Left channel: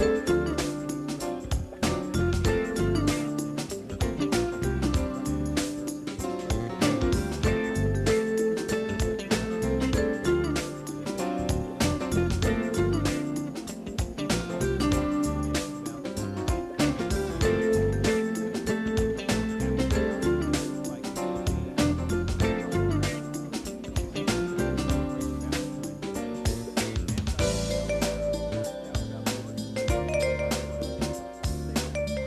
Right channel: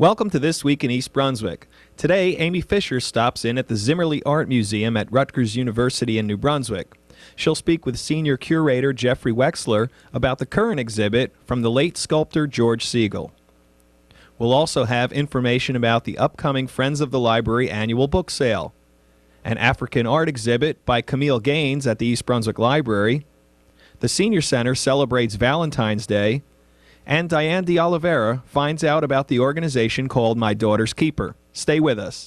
Welcome to This Week in East Brunswick. Today, Amy Fisher stops in at the Zimmerle Art Museum at Rutgers University in New Brunswick. She'll speak with senior curator Jeffrey Wexler about the current exhibit from the late sculptor George Segal. We'll also have information about the upcoming Friends of the Library annual book sale, an African art exhibit by Camille Gaines at the East Brunswick Library. The Senior Center celebrates Valentine's Day, and Diane de Oliveira finds out about the organization called My Daughter's Keeper. Stay with us.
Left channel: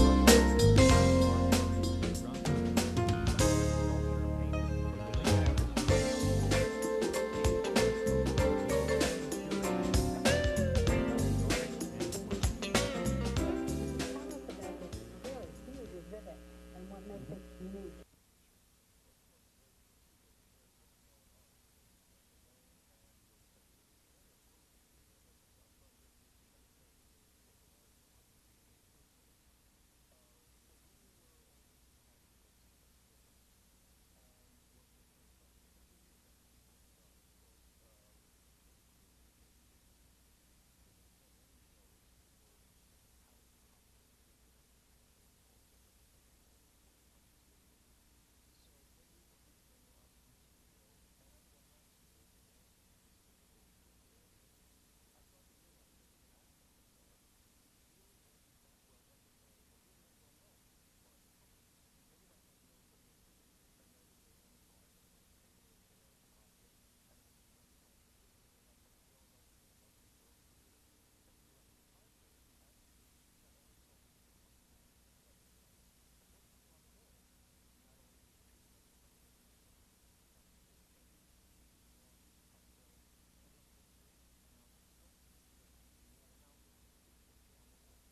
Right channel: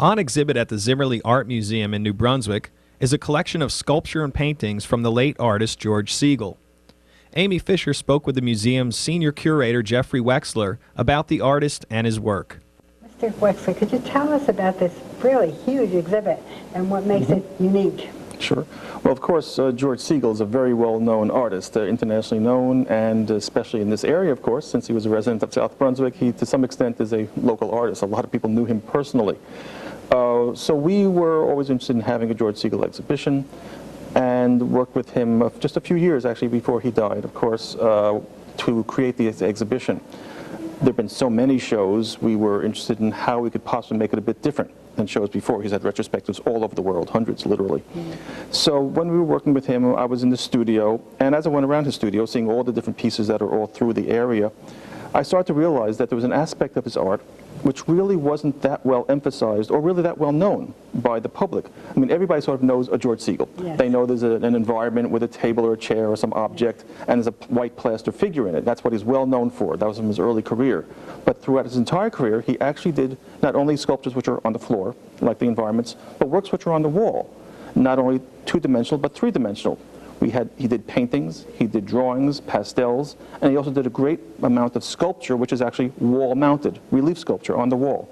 On exhibit at the Zimmerle Art Museum in New Brunswick is a collection of sculpture and paintings from the late artist George Segal. Amy Fisher spoke with the museum's senior curator Jeffrey Wexler about the artist and his work. Mr. Wexler, could you tell us about this really huge exhibit and what makes it unique? Sure. Well, of course, George Segal is a very well-known artist, internationally known, and especially in this area, of course, since he was a resident of South Brunswick, he, to some extent, is a local artist. A lot of people knew him personally. So we were always interested in having a George Segal exhibition and worked with him just a few years, actually, before he died, of course, to create the exhibition. There have been so many shows, we were interested in how we could possibly make it a bit different than shows before. He's had retrospectives all over the world, hundreds literally. So when we were working with him, I was in the studio, and as I went around his studio, seeing all the different pieces that are all through the area, I started to realize that there was an aspect of his art which really wasn't that well emphasized or really that well known by the public. I mean, everybody sort of knows a George Segal. Yes. They know there's an environment with a table or a chair or some object, and there's a white plaster figure in it. That's what he's well known for. That was from his early career. But throughout his entire career, he actually did not only sculptures which are on the floor, like the environments, but works which are on the wall. Not only two-dimensional, but three-dimensional. He did paintings, he did drawings, pastels, and he also did a great amount of sculpture, which is actually wall-mounted, relief sculpture on the wall.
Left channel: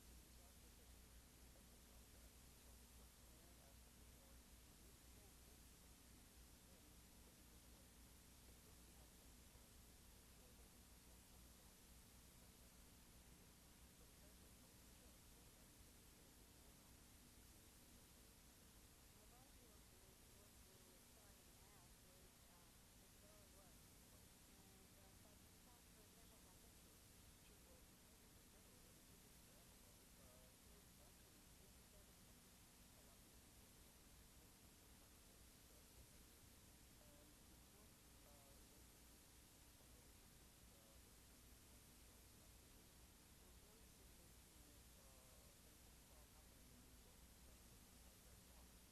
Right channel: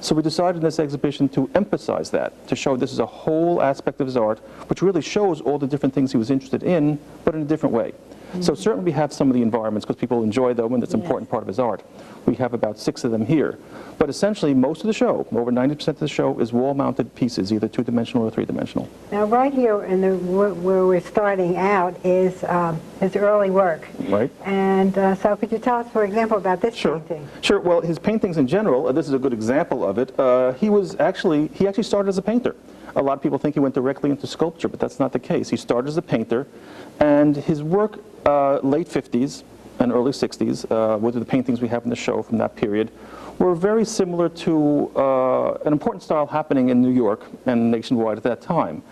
So we decided in this exhibition to emphasize that, to show this is a whole aspect of his art, which really shows all the different things he was interested in, but in a different way. So certainly we have some of the environments, because people enjoy them, and it's an important part of his art. We have about 6 of them here. But essentially, most of the show, over 90% of the show, is wall-mounted pieces, either two-dimensional or three-dimensional. Now, right here, in where we're starting out, is his early work. Right. And so could you tell us, for example, about this painting? Sure. Well, his paintings in general, this is a good example of it. He actually started as a painter. A lot of people think he went directly into sculpture, but that's not the case. He started as a painter, and his work, late 50s and early 60s, with the paintings we have in the show from that period, were very similar to an important style happening in New York and nationwide at that time.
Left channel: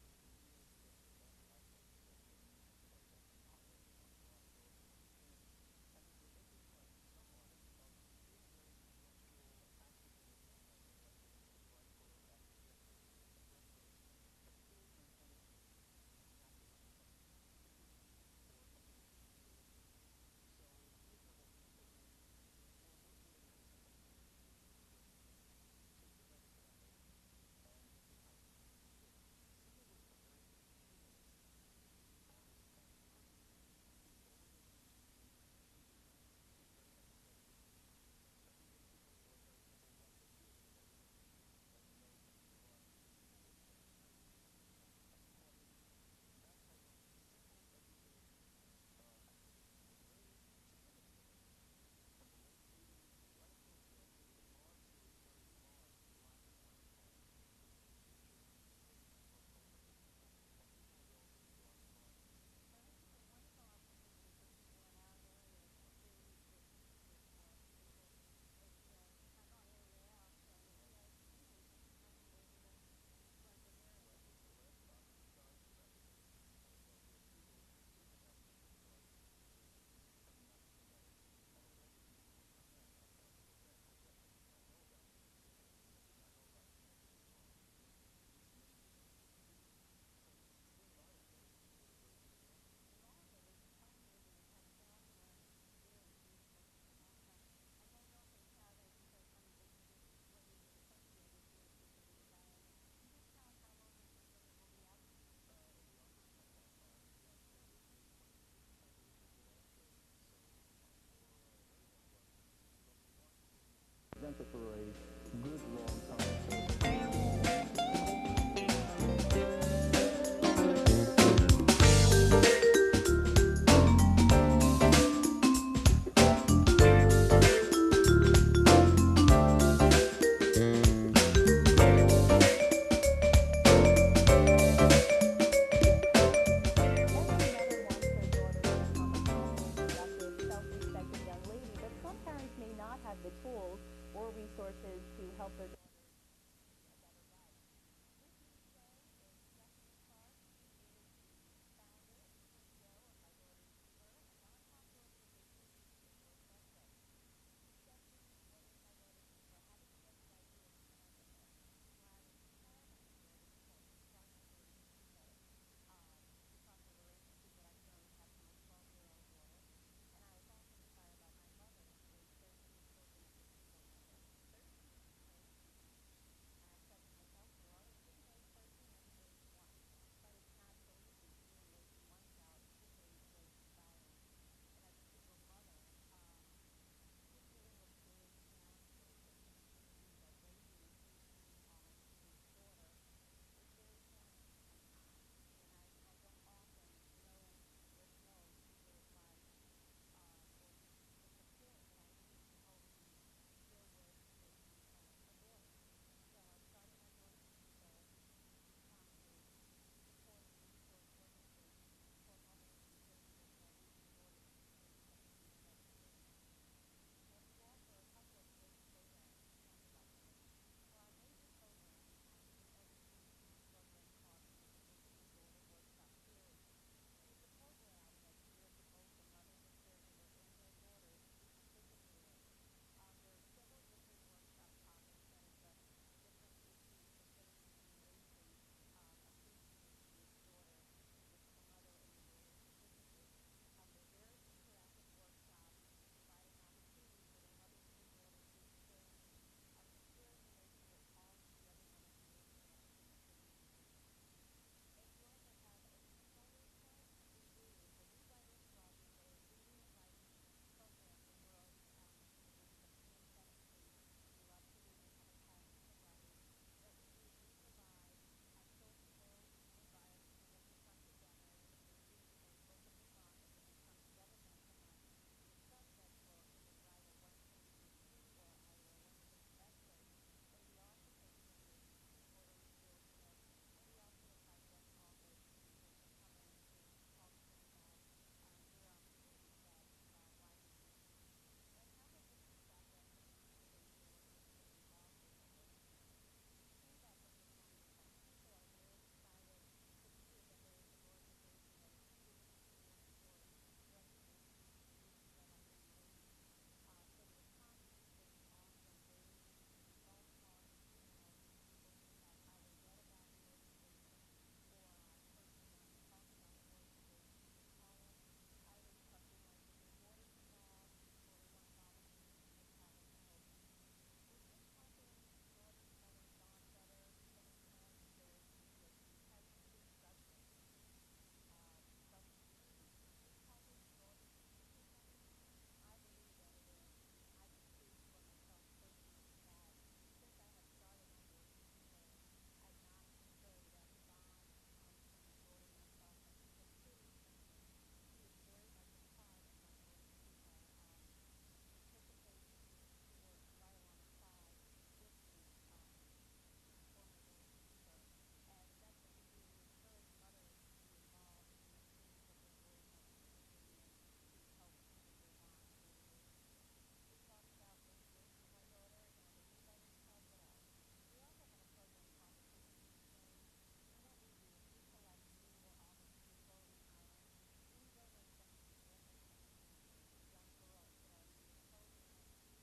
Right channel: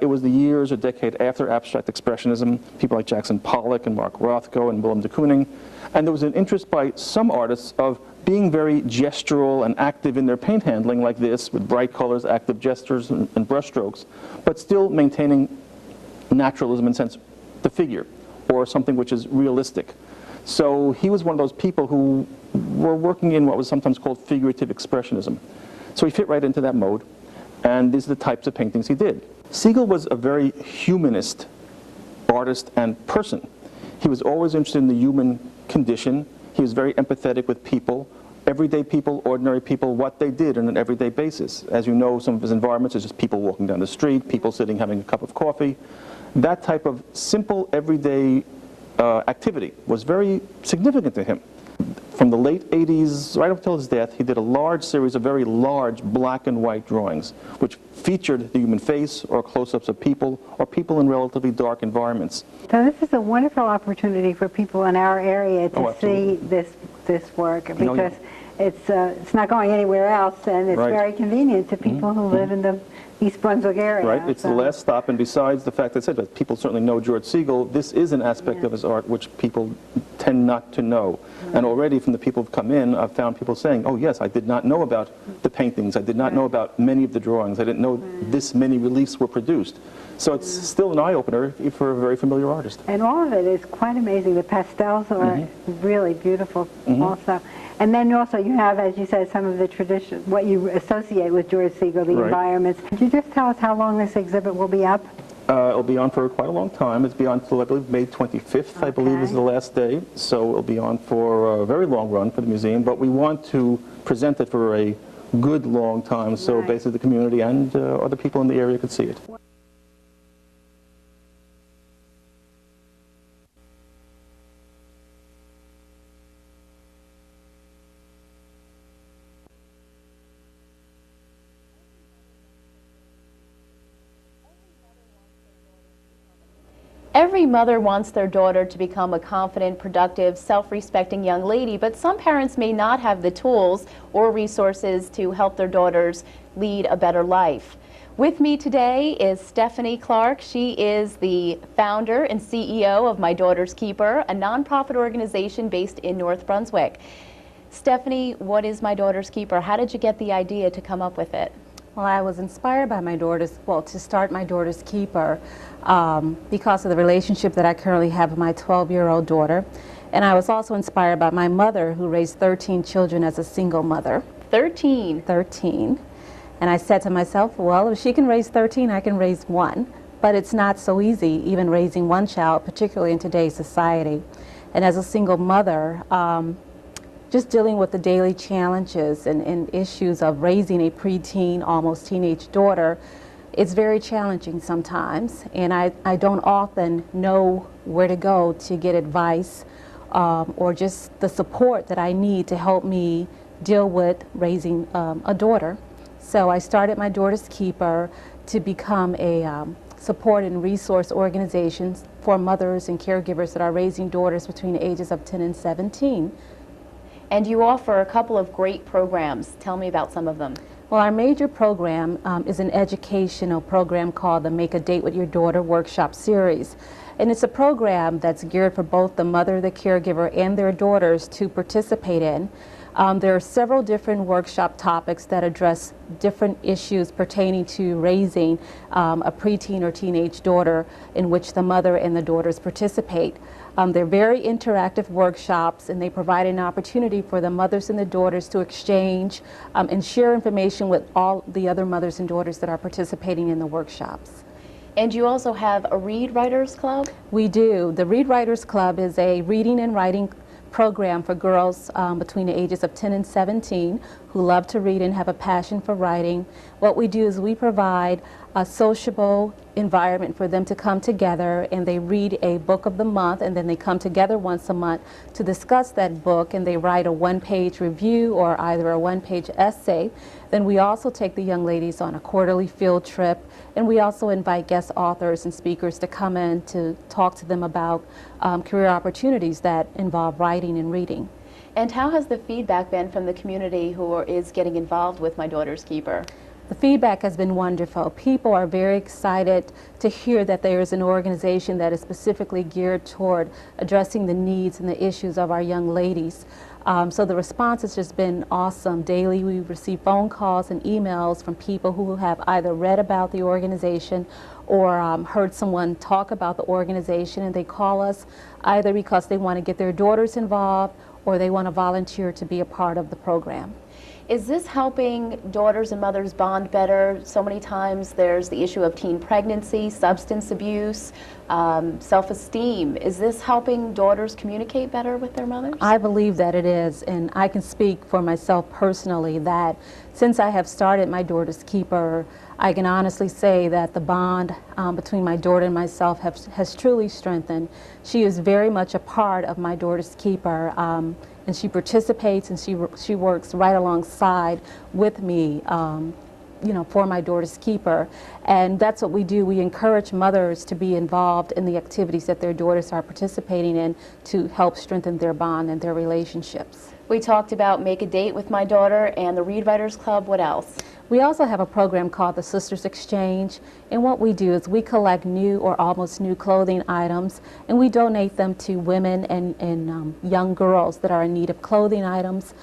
It was the years or decade after abstract expressionism, people like Jackson Pollock and Mark Rothko and Willem de Kooning, and there was an interest by some artists of being very gestural and active in their paint handling like this, with bright colors, active gestures, and brushstrokes, but still maintaining naturalism in the sense, the figure, or something which is realistic. So he was one of those people who were working in what was sometimes called figurative expressionism. So he fit right into that mode, and these are the types of paintings he did. Segal was a very humanist artist and person. He was always interested in the human condition. He was very empathetic with people, everyday people, ordinary people, what they did on an everyday basis. As you know, some of his environments is just people walking down the street, people sitting having a cup of coffee. That type of simple, everyday activity was very significant to him. From the late 80s right up till his death, he did a large series of very large black and white drawings, which featured the human face or close-ups of people or people in relatively dark environments. So this is a wonderful opportunity for people in our area to see this work, because it's not going anywhere else, and it's very convenient to people who live in the East Brunswick area. Right, it's the last stop, and besides the fact that people certainly know George Segal, this is an aspect of his art which people tend not to know. And already from the people who've come in, I've found people saying, oh yes, I did not know about the paintings, I did not know about many of the drawings, I didn't know this many reliefs were produced. So it's still an eye-opener for a very familiar artist. And all of it is quite amazing. The pastels are really beautiful also. And then also you have, as you said, some of the tradition, what you associate with George Segal, the environments. Could you just tell us how long this exhibit will be up? It'll be on for quite a long time. It's be on until, I believe, May 25th, I believe is the last day. So it'll be on for a very long run for the museum, but we want to present it for a good long time, so basically the community and other people in the area could see it. Every mother wants their daughter to become a confident, productive, self-respecting young lady, but some parents may not have the tools or resources to help their daughters lead a better life. With me today is Stephanie Clark. She is the founder and CEO of My Daughter's Keeper, a nonprofit organization based in North Brunswick. Stephanie, what is My Daughter's Keeper? How did you get the idea to come up with it? Well, I was inspired by to start My Daughter's Keeper because of the relationship that I currently have with my 12-year-old daughter. And I was also inspired by my mother, who raised 13 children as a single mother. 13? 13. And I said to myself, well, if she can raise 13, I can raise one. But it's not so easy, even raising one child, particularly in today's society. And as a single mother, just dealing with the daily challenges and issues of raising a preteen, almost teenage daughter, it's very challenging sometimes. And I don't often know where to go to get advice or just the support that I need to help me deal with raising a daughter. So I started My Daughter's Keeper to become a support and resource organization for mothers and caregivers that are raising daughters between the ages of 10 and 17. And you offer a couple of great programs. Tell me about some of them. Well, our major program is an educational program called the Make a Date with Your Daughter Workshop Series. And it's a program that's geared for both the mother, the caregiver, and their daughters to participate in. There are several different workshop topics that address different issues pertaining to raising a preteen or teenage daughter, in which the mother and the daughters participate. They're very interactive workshops, and they provide an opportunity for the mothers and the daughters to exchange and share information with all the other mothers and daughters that are participating in the workshops. And you also have a Read Writers Club? We do. The Read Writers Club is a reading and writing program for girls between the ages of 10 and 17 who love to read and have a passion for writing. What we do is we provide a sociable environment for them to come together, and they read a book of the month, and then they come together once a month to discuss that book, and they write a one-page review or either a one-page essay. Then we also take the young ladies on a quarterly field trip, and we also invite guest authors and speakers to come in to talk to them about career opportunities that involve writing and reading. And how has the feedback been from the community who is getting involved with My Daughter's Keeper? The feedback has been wonderful. People are very excited to hear that there is an organization that is specifically geared toward addressing the needs and the issues of our young ladies. So the response has just been awesome. Daily we receive phone calls and emails from people who have either read about the organization or heard someone talk about the organization, and they call us either because they want to get their daughters involved or they want to volunteer to be a part of the program. Is this helping daughters and mothers bond better? So many times there's the issue of teen pregnancy, substance abuse, self-esteem. Is this helping daughters communicate better with their mothers? I believe that it is, and I can speak for myself personally that since I have started My Daughter's Keeper, I can honestly say that the bond between my daughter and myself has truly strengthened. She is very much a part of My Daughter's Keeper. And she participates and she works right alongside with me, you know, for My Daughter's Keeper. And that's what we do. We encourage mothers to be involved in the activities that their daughters are participating in to help strengthen their bond and their relationships. We talked about Make a Date with My Daughter and the Read Writers Club. What else? We also have a program called the Sisters Exchange, and what we do is we collect new or almost new clothing items, and we donate them to women and young girls that are in need of clothing items.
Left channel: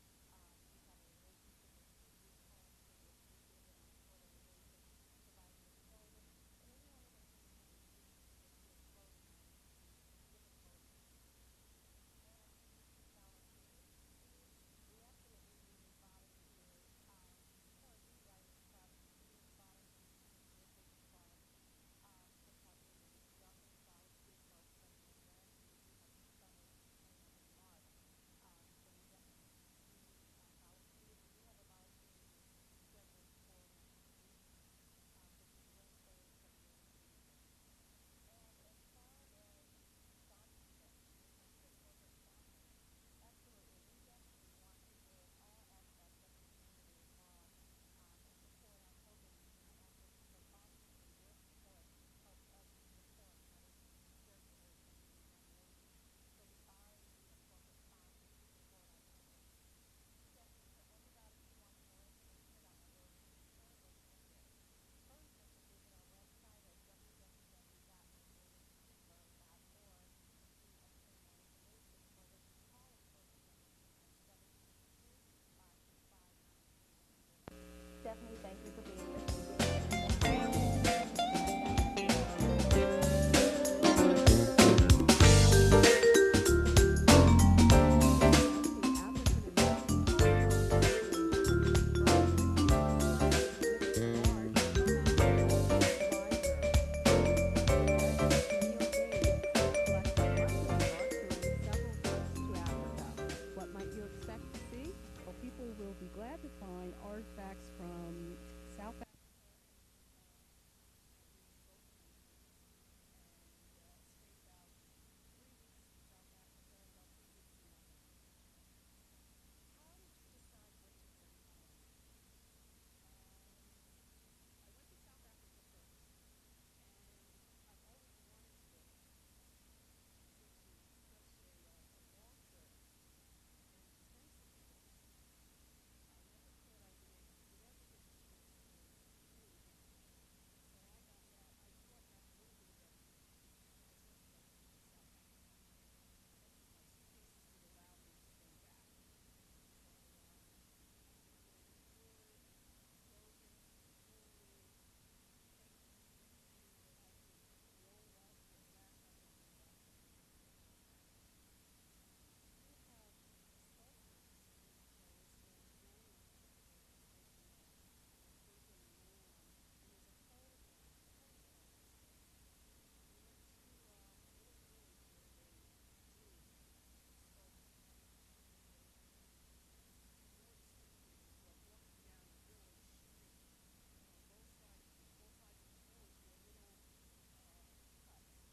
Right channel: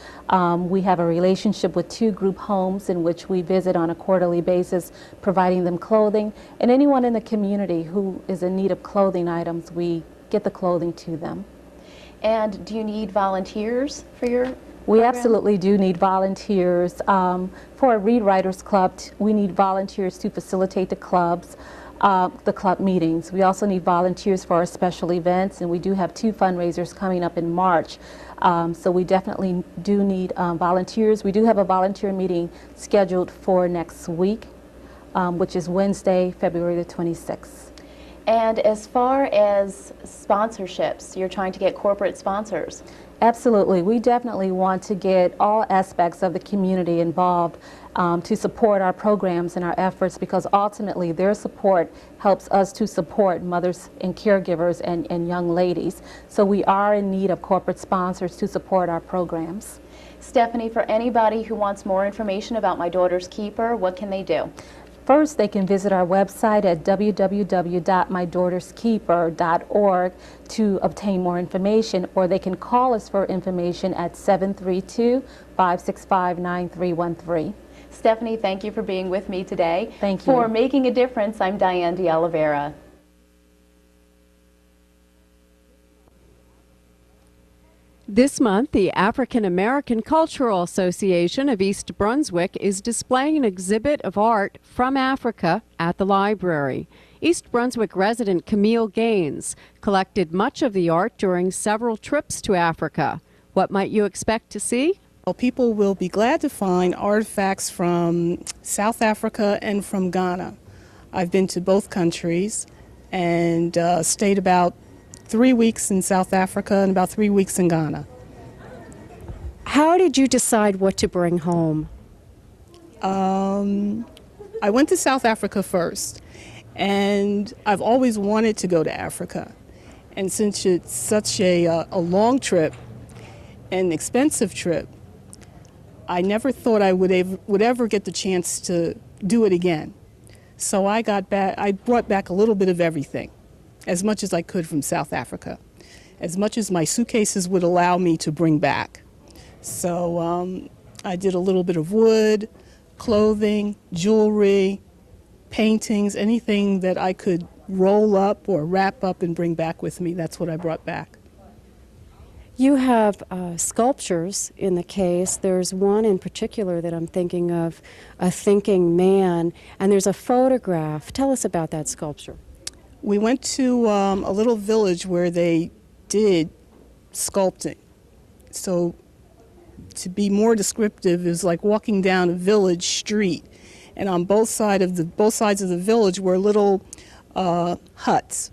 We have a relationship with 2 group homes in which we visit on a quarterly basis, providing them clothing, and anyone in the community who is in need of clothing items, we get the clothing to them. And do you need volunteers for your We program? absolutely do need volunteers. For a Read Writers Club, we need volunteers to facilitate the club meetings. We also need volunteers for our special events, and we do have 2 fundraisers coming up in March. So we definitely do need volunteers. We do have a volunteer meeting scheduled for next week, which is Wednesday, February the 26th. And as far as sponsorships, you're trying to get corporate sponsors. Absolutely. We definitely want to get all aspects of the community involved to support our programs and our efforts, because ultimately their support helps us to support mothers and caregivers and young ladies. So we are in need of corporate sponsors to support our programs. Stephanie, for anybody who wants more information about My Daughter's Keeper, what can they do? First, they can visit our website at www.mydaughterskeeper.org to obtain more information, or they can call us for information at 732-565-9313. Stephanie, thank you for being with me today. Thank you. For Making a Difference, I'm Diane de Oliveira. This month, the African American Cultural Association of East Brunswick is displaying an exhibit of art from Africa at the library. East Brunswick resident Camille Gaines collected much of the art during several trips to Africa. What might you expect to see? Well, people will be glad to find artifacts from South Africa and from Ghana. I've been to both countries and stayed about 3 weeks in South Africa and about 3 weeks in Ghana. How did you decide what to bring home? I went to South Africa first, and I've always wanted to go to Africa. And since it's such a long trip, an expensive trip, I never thought I would ever get the chance to do it again. So I brought back a little bit of everything, as much as I could from South Africa, as much as my suitcases would allow me to bring back. So I did a little bit of wood, clothing, jewelry, paintings, anything that I could roll up or wrap up and bring back with me. That's what I brought back. You have sculptures in the case. There's one in particular that I'm thinking of, a thinking man, and there's a photograph. Tell us about that sculpture. We went to a little village where they did sculpting. So to be more descriptive, it was like walking down a village street, and on both sides of the village were little huts,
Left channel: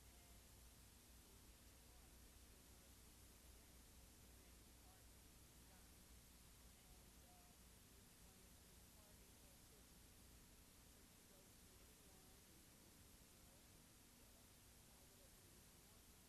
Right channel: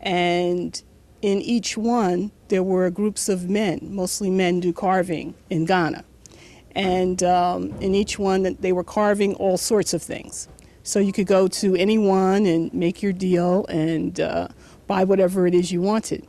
and in each one there were groups of men. Mostly men do carving in Ghana, and in each one they were carving all sorts of things. So you could go to any one and make your deal and buy whatever it is you wanted.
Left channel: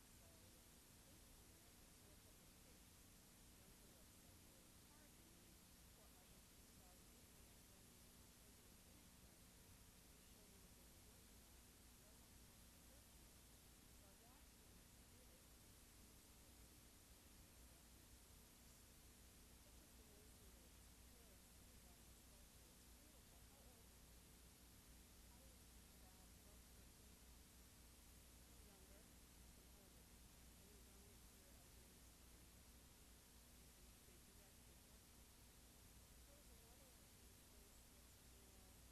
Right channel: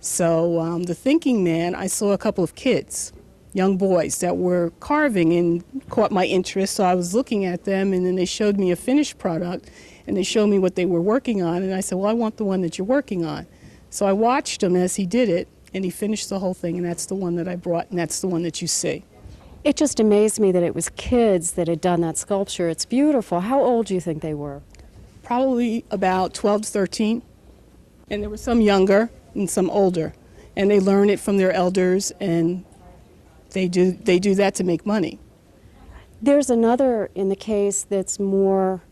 So the thinking man, I saw a couple of kids, young boys, that were carving and caught my interest. So I was looking at them, and then they showed me a finished product, and they showed me what they were working on. And I said, well, I want the one that you're working on. So I watched him as he did it, and he finished the whole thing, and that's the one that I brought, and that's the one that you see. It just amazed me that it was kids that had done that sculpture. It's beautiful. How old do you think they were? Probably about 12 to 13, and there were some younger and some older, and they learn it from their elders, and they do that to make money. There's another in the case that's more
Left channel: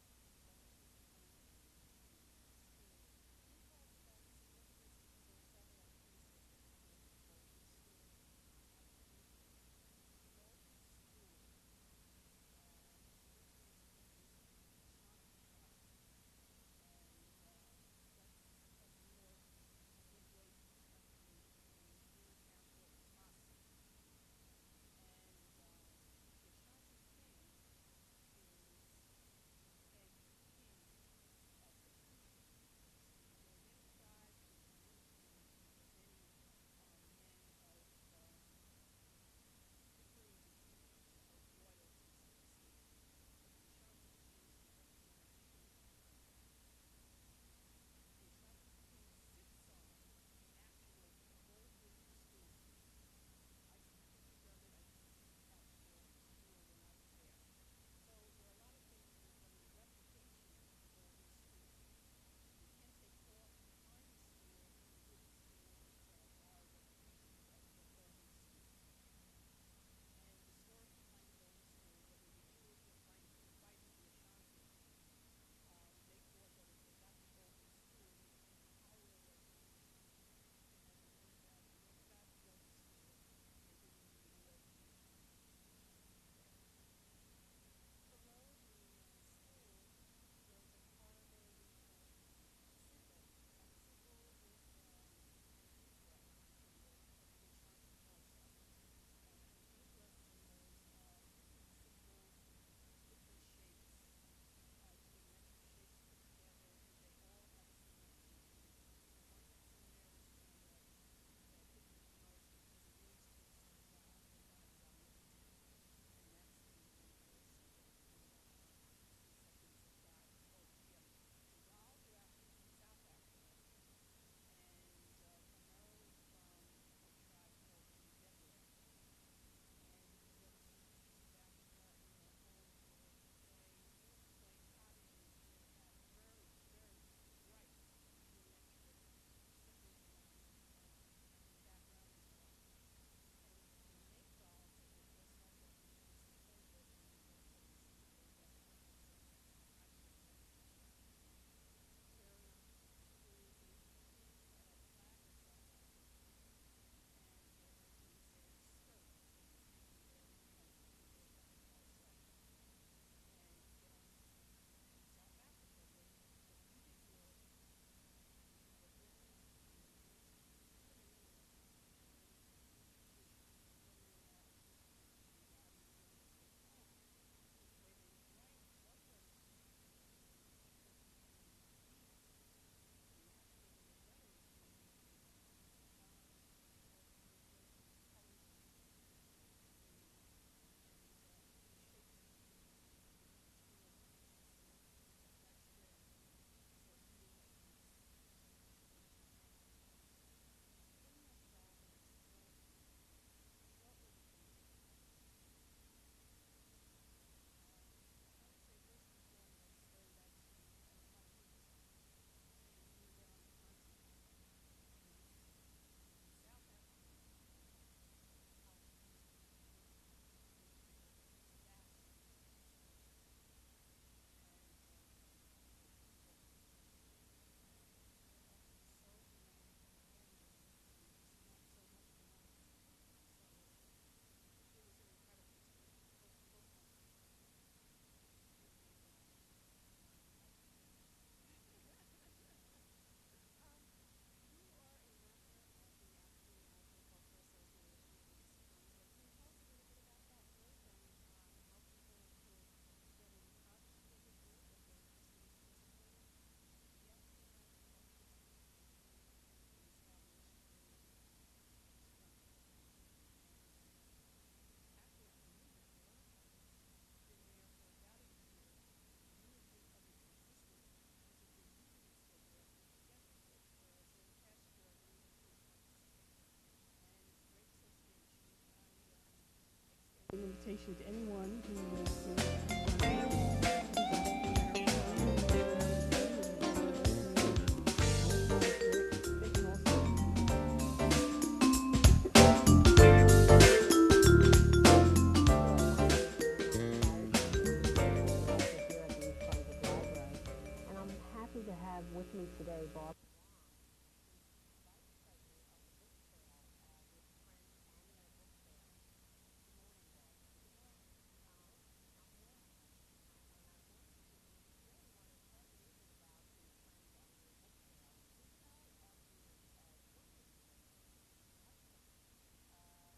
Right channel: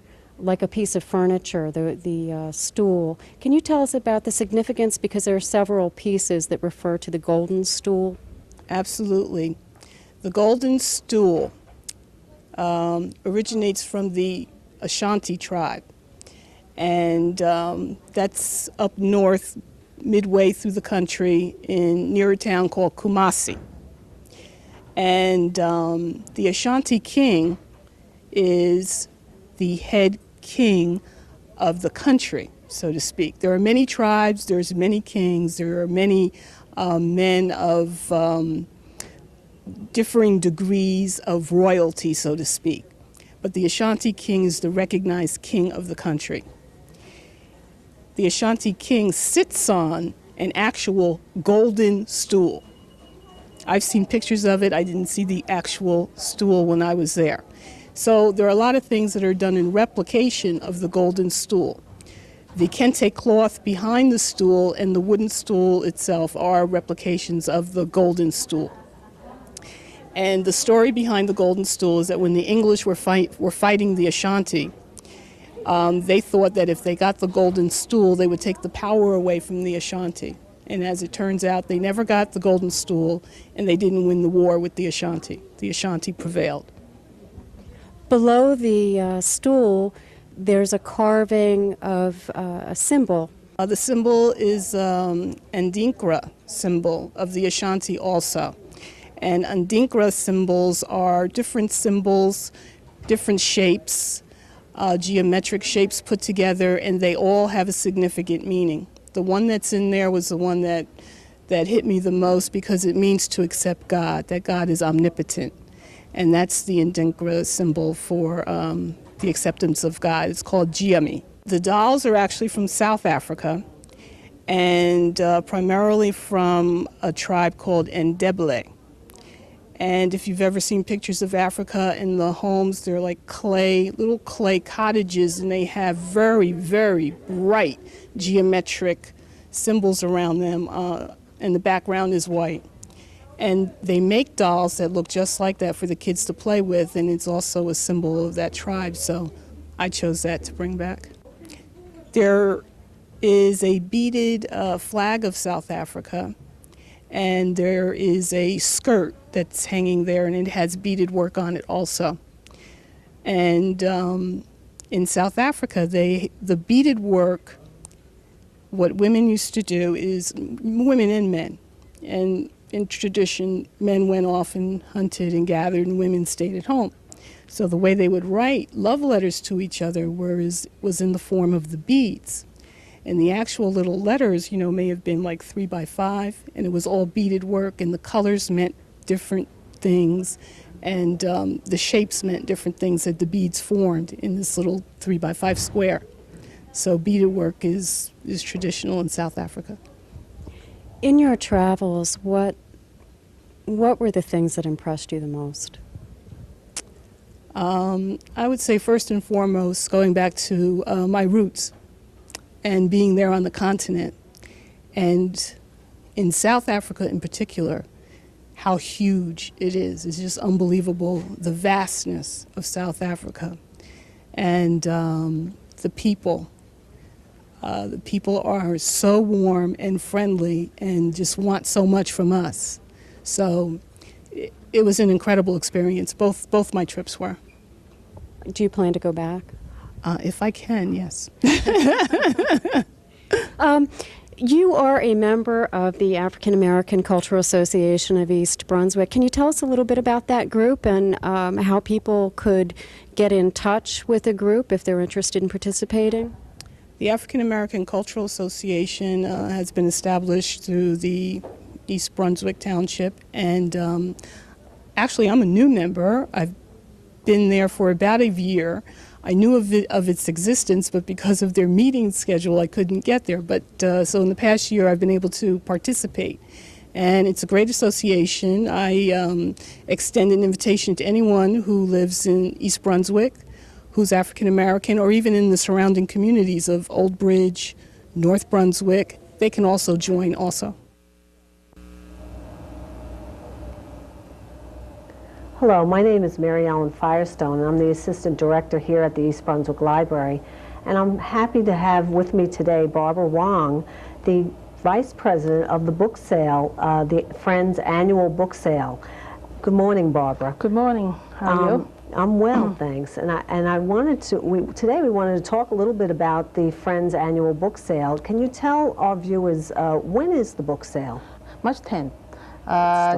like a piece of furniture, the stool. Can you tell us about the significance, because there are several pieces that refer to the golden stool? Absolutely. The golden stool originates from the Ashanti tribe, and that's up north, midway through the country, near a town called Kumasi. And the Ashanti king is the head king of the country, so to speak. There are many tribes, there's many kings, there are many men of differing degrees of royalty, so to speak. But the Ashanti king is the recognized king of the country. The Ashanti king sits on an actual golden stool. I've seen pictures of it. I didn't see the actual stool when I was there. So there are a lot of things that are done in replication of the golden stool. The kente cloth behind the stool and the wooden stool itself are replications of the golden stool. And the story behind the golden stool is that when the English were fighting the Ashanti, they thought that if they got the golden stool, they would take the power away from the Ashanti. And as it turns out, they never got the golden stool, and they didn't win the war with the Ashanti. The Ashanti prevailed. Below the stool, there's a carving of a symbol. The symbol is an Adinkra symbol of the Ashanti also. And Adinkra symbols are different symbols, different shapes, geometric shapes put together, and they all have a significant meaning. The one that's in there was the one that hit me the most because it means to accept God, that God is omnipotent. And that's the Adinkra symbol for the acceptance of God. It's called Giami. The dolls are actually from South Africa, and primarily from a tribe called Ndebele. And if you've ever seen pictures of Africa in the homes, they're like little clay cottages, and they have very, very bright geometric symbols around them, and the background is white. And they make dolls that look just like that for the kids to play with, and it's also a symbol of that tribe, so I chose that to bring back. There is a beaded flag of South Africa, and there is a skirt that's hanging there, and it has beaded work on it also. And in South Africa, the beaded work, what women used to do is, women and men, and in tradition, men went off and hunted and gathered, and women stayed at home. So the way they would write love letters to each other was in the form of the beads. And the actual little letters, may have been like 3 by 5, and it was all beaded work, and the colors meant different things, and the shapes meant different things that the beads formed in this little 3 by 5 square. So beaded work is traditional in South Africa. In your travels, what were the things that impressed you the most? I would say first and foremost, going back to my roots and being there on the continent. And in South Africa in particular, how huge it is. It's just unbelievable, the vastness of South Africa. And the people. The people are so warm and friendly and just want so much from us. So it was an incredible experience. Both my trips were. Do you plan to go back? If I can, yes. You are a member of the African American Cultural Association of East Brunswick. Can you tell us a little bit about that group and how people could get in touch with the group if they're interested in participating? The African American Cultural Association has been established through the East Brunswick Township, and actually I'm a new member. I've been there for about a year. I knew of its existence, but because of their meeting schedule, I couldn't get there. But so in the past year, I've been able to participate. And it's a great association. I extend an invitation to anyone who lives in East Brunswick, who's African American, or even in the surrounding communities of Old Bridge, North Brunswick. They can also join also. Hello, my name is Mary Ellen Firestone, and I'm the Assistant Director here at the East Brunswick Library. And I'm happy to have with me today Barbara Wong, the Vice President of the book sale, the Friends Annual Book Sale. Good morning, Barbara. Good morning. How are you? I'm well, thanks. And I wanted to, today we wanted to talk a little bit about the Friends Annual Book Sale. Can you tell our viewers, when is the book sale? March 10th.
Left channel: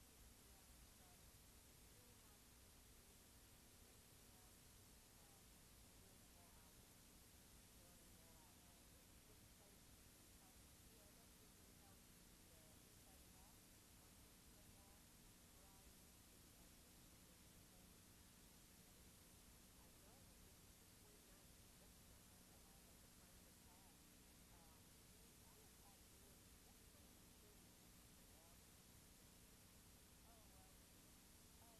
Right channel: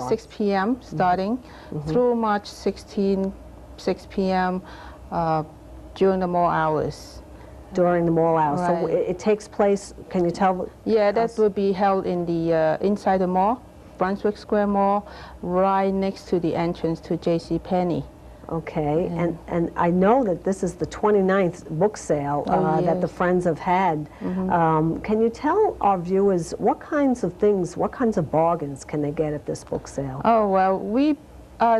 6 p.m. starting through March 16, 6 p.m. During the mall hours. During the mall hours. Right. So it takes place, can you tell? Yeah, that will be held in the inside the mall, Brunswick Square Mall, right next to the entrance to JCPenney. Okay, and I know that this is the 29th book sale that the Friends have had. Can you tell our viewers what kinds of things, what kinds of bargains can they get at this book sale? Oh, well,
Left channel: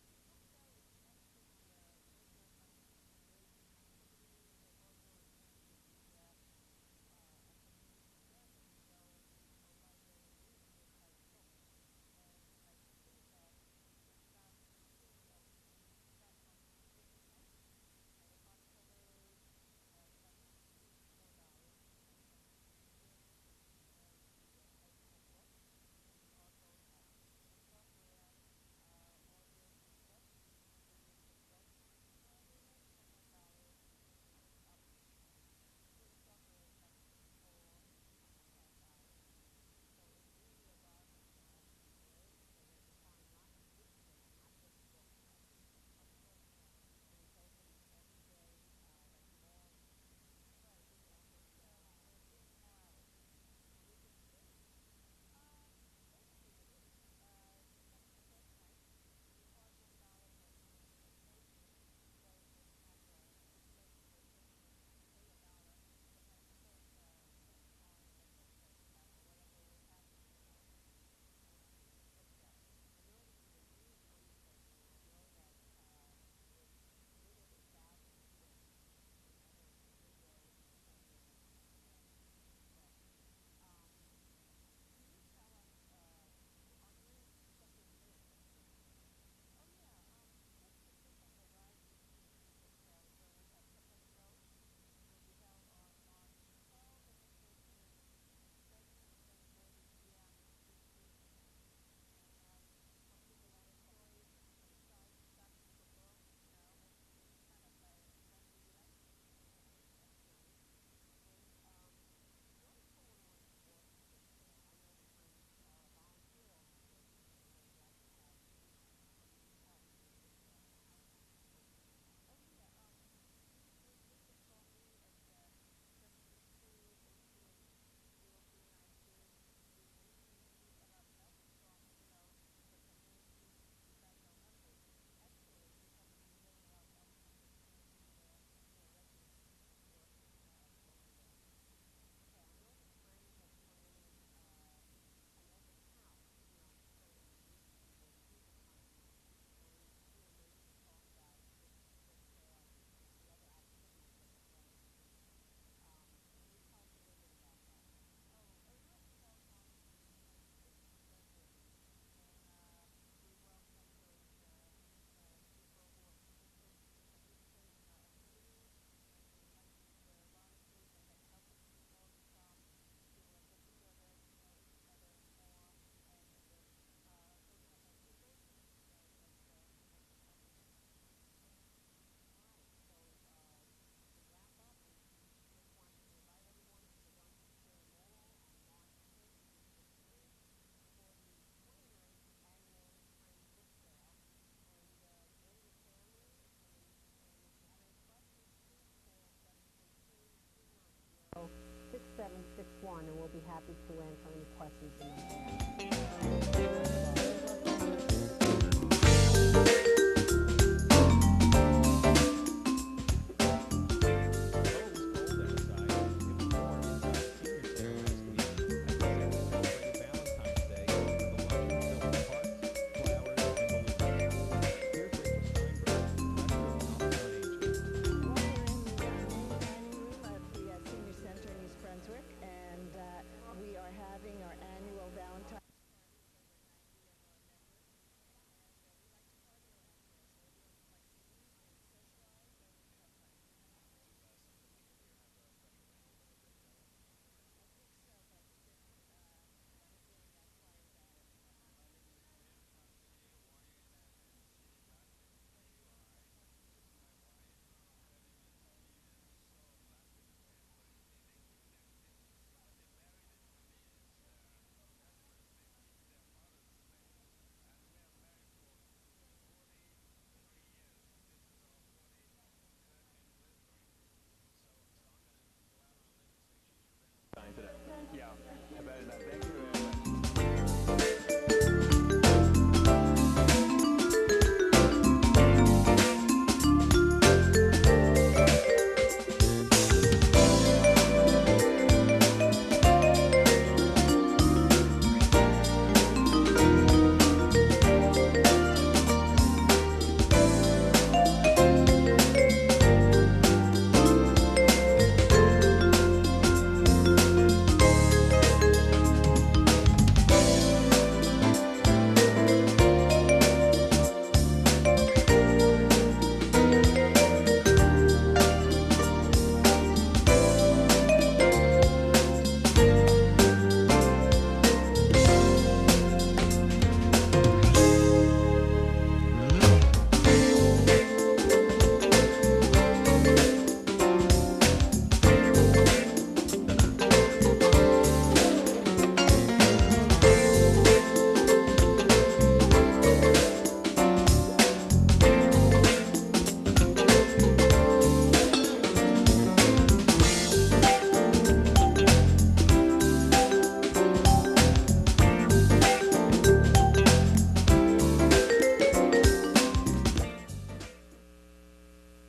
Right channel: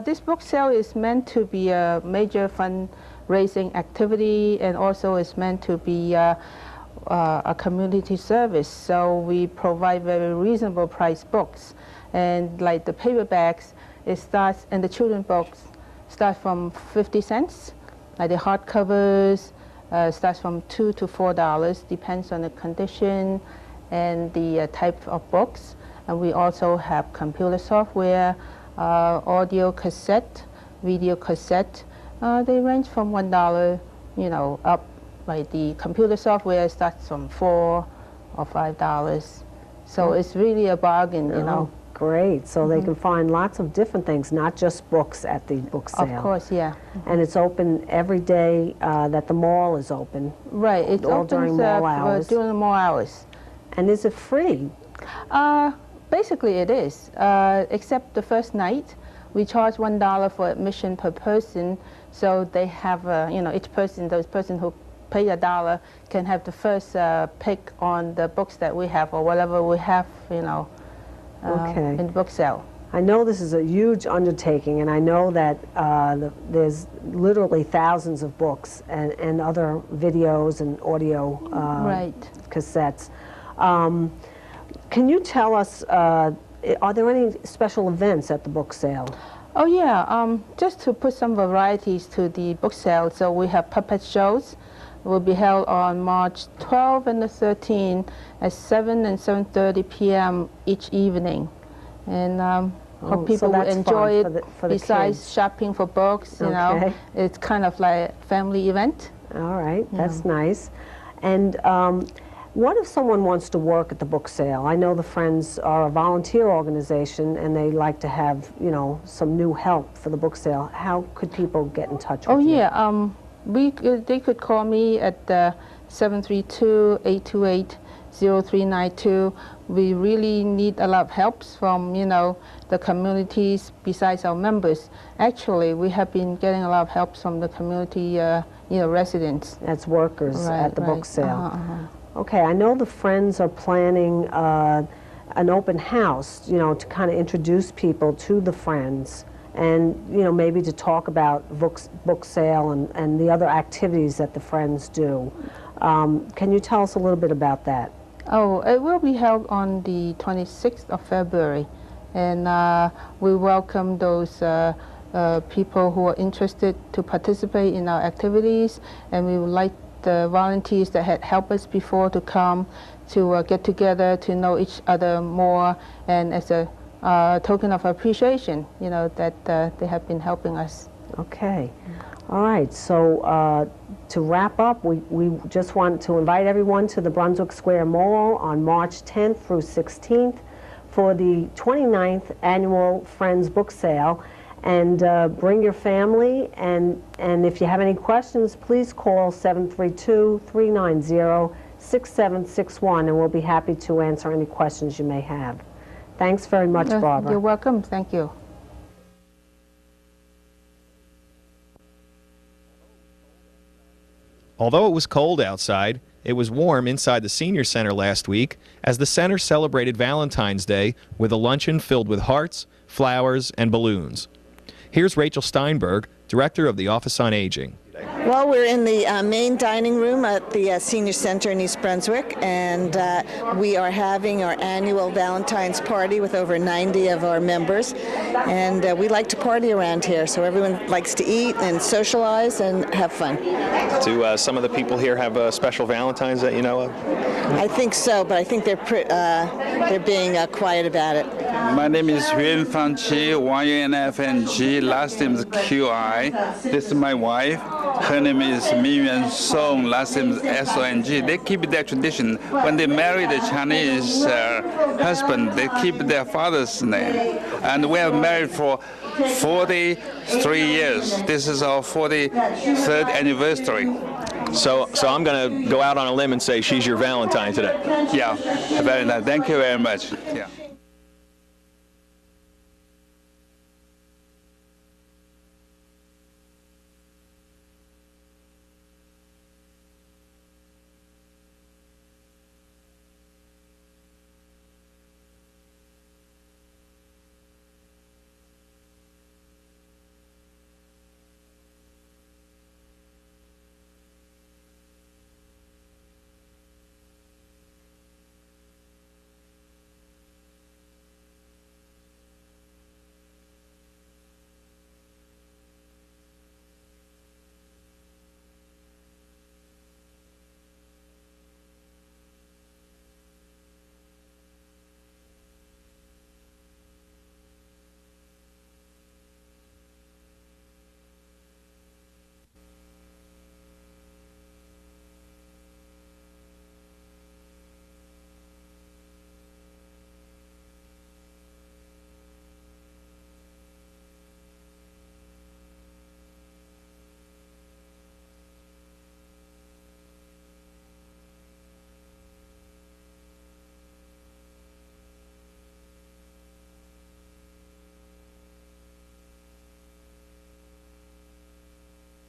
this book sale is meant to be a major fundraising activity, and also is meant to be a community service. So we provide very reasonable price books. And like the paperbacks, it starts, and the children books, start from 50 cents. Like the hardcovers starts from $2 to $4, depends on the condition and the type of books. And we also have computer software, audio cassette, video cassette. They range from $1, up. Like the computer software starts from $4 or $5. So it's really a bargain, Great. So they can find lots of different things, not just books at the book sale. Of course, yeah. And it's open every day that the mall is open. Right. It all opens during mall hours. during the mall hours. And is it free? Basically, it is, except the first night. We charge $1 for admission per person, so they have, each person, those person who pay $1 can have the first pick on the books that we have or whatever we have, in the book sale. I know this is a huge undertaking, and I know that there's literally thousands of books and other videos and audio cassettes. Can you tell us, are there any special events at the book sale? Oh yeah, just to put some varieties to the book sale, so we have puppet shows. It will be held on March 12 and the 13th at 7 and 7:30 p.m. each evening. And hope people will enjoy it for the besides kids. shopping for books, you know. It's kind of like a family event. All right, that's nice. And what if someone wants to work at the book sale? I know the Friends are a volunteer organization and they like to have, some new help for the book sale. How could people get in touch with you? Oh yeah, they could call me at 732-828-0392. We really need a lot of help from, the communities besides our members. Actually, we have been getting a lot of help from the community, residents. That's workers at the book sale. Okay, I know the Friends are planning an open house, to kind of introduce people to the Friends and, maybe to talk about book sale and the other activities that the Friends do. Can you tell us a little bit about that? Oh, it will be held on the 26th of February, and we welcome those people who are interested to participate in our activities, and we would like the volunteers that had helped us before to come to get together to know each other more, and as a token of appreciation, that they have been helping us. Okay. All right. So to wrap up, we just want to invite everyone to the Brunswick Square Mall on March 10th through 16th for the 29th Annual Friends Book Sale. And bring your family, and if you have any questions, please call 732-390-6761, and we'll be happy to answer any questions you may have. Thanks very much, Barbara. You're welcome. Thank you. Although it was cold outside, it was warm inside the Senior Center last week as the center celebrated Valentine's Day with a luncheon filled with hearts, flowers, and balloons. Here's Rachel Steinberg, Director of the Office on Aging. Well, we're in the main dining room at the Senior Center in East Brunswick, and we are having our annual Valentine's party with over 90 of our members. And we like to party around here, so everyone likes to eat and socialize and have fun. Do some of the people here have special Valentines that you know of? I think so, but I think they're being quiet about it. My name is Yuan Fanqi, YUNFNG, last name is QI. This is my wife. Her name is Miyuan Song, last name is SONG. They keep their tradition. When they marry the Chinese husband, they keep their father's name. And we have married for 43 years. This is our 43rd anniversary. So I'm going to go out on a limb and say she's your Valentine today. Yeah, Valentine. Thank you very much. Yeah.